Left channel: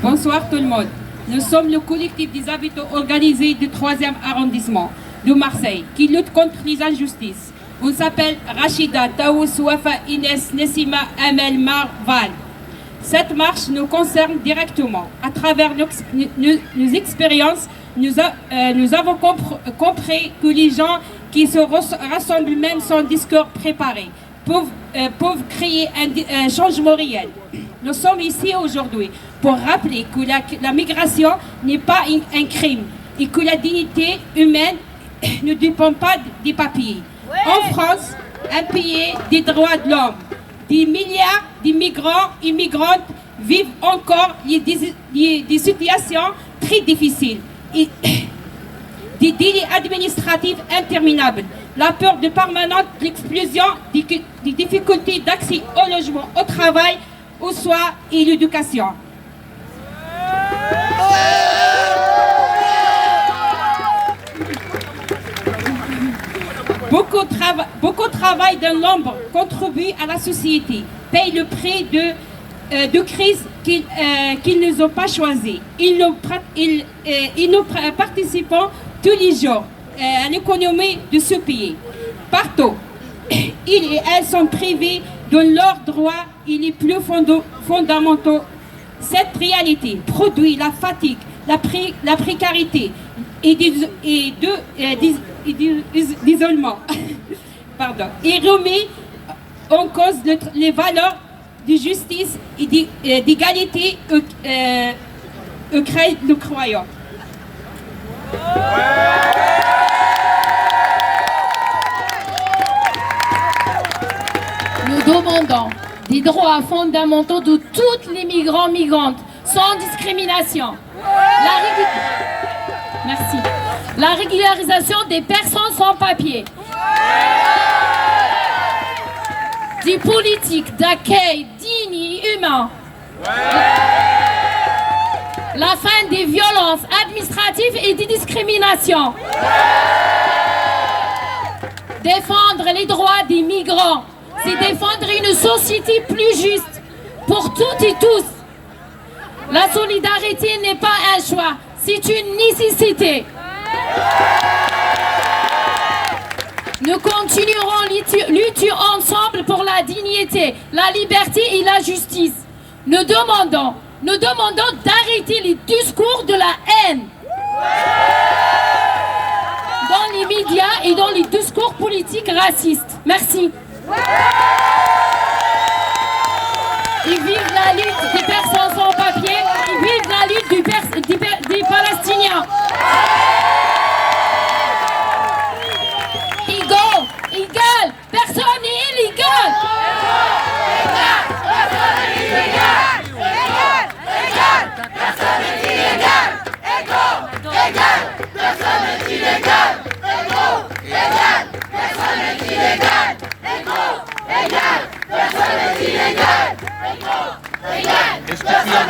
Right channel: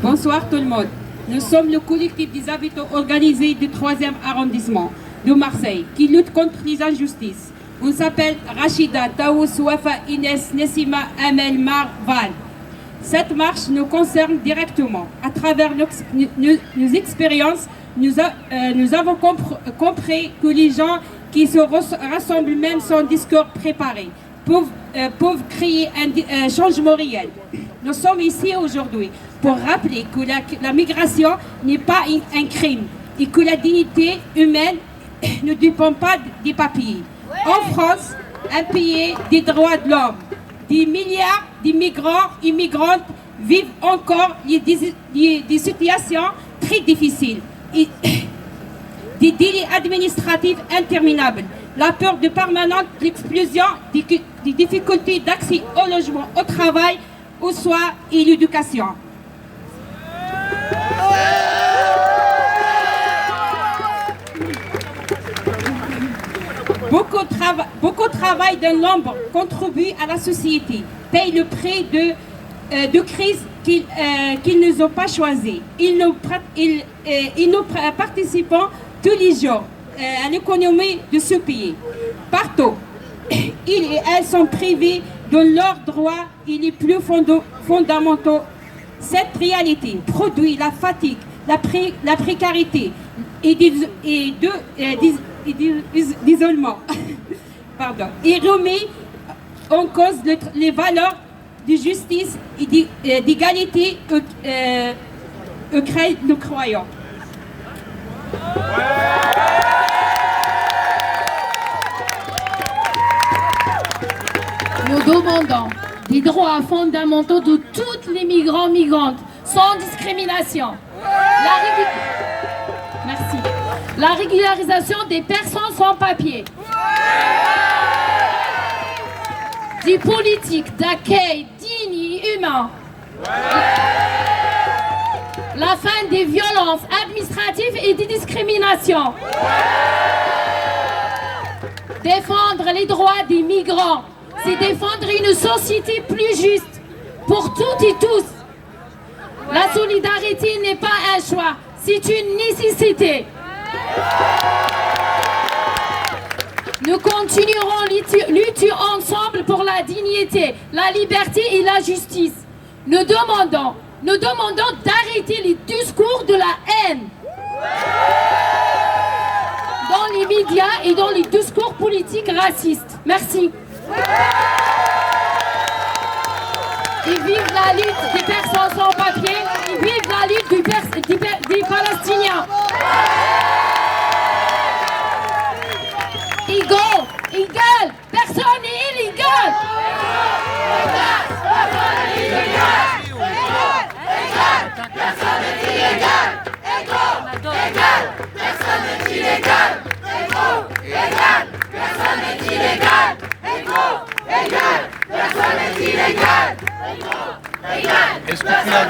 Bonsoir tout le monde. Nous sommes le collectif des habitants organisés du 3e arrondissement de Marseille qui lutte contre les injustices. On s'appelle Rachida, Taous, Wafa, Inès, Nessima, Amel, Marval. Cette marche nous concerne directement. À travers nos expériences, nous avons compris que les gens qui se rassemblent même sans discours préparé peuvent créer un changement réel. Nous sommes ici aujourd'hui pour rappeler que la migration n'est pas un crime et que la dignité humaine ne dépend pas des papiers. En France, un pays des droits de l'homme, des milliards d'immigrants et migrantes vivent encore des situations très difficiles et des délais administratifs interminables, la peur de permanente l'explosion des difficultés d'accès au logement, au travail, aux soins et l'éducation. Beaucoup travaillent dans l'ombre, contribuent à la société, payent le prix de crise qu'ils ne ont pas choisi. Nous participons tous les jours à l'économie de ce pays. Partout, ils et elles sont privés de leurs droits et les plus fondamentaux. Cette réalité produit la fatigue, la précarité et l'isolement. Et remet en cause les valeurs de justice et d'égalité auxquelles nous croyons. Nous demandons des droits fondamentaux de tous les migrants, migrantes, sans discrimination. Merci. La régularisation des personnes sans papier. Des politiques d'accueil dignes et humains. La fin des violences administratives et des discriminations. Défendre les droits des migrants, c'est défendre une société plus juste pour toutes et tous. La solidarité n'est pas un choix, c'est une nécessité. Nous continuerons lutter ensemble pour la dignité, la liberté et la justice. Nous demandons d'arrêter les discours de la haine dans les médias et dans les discours politiques racistes. Merci. Et vive la lutte des personnes sans papier, et vive la lutte des Palestiniens. Égal, personne n'est illégal. Est-ce que tu as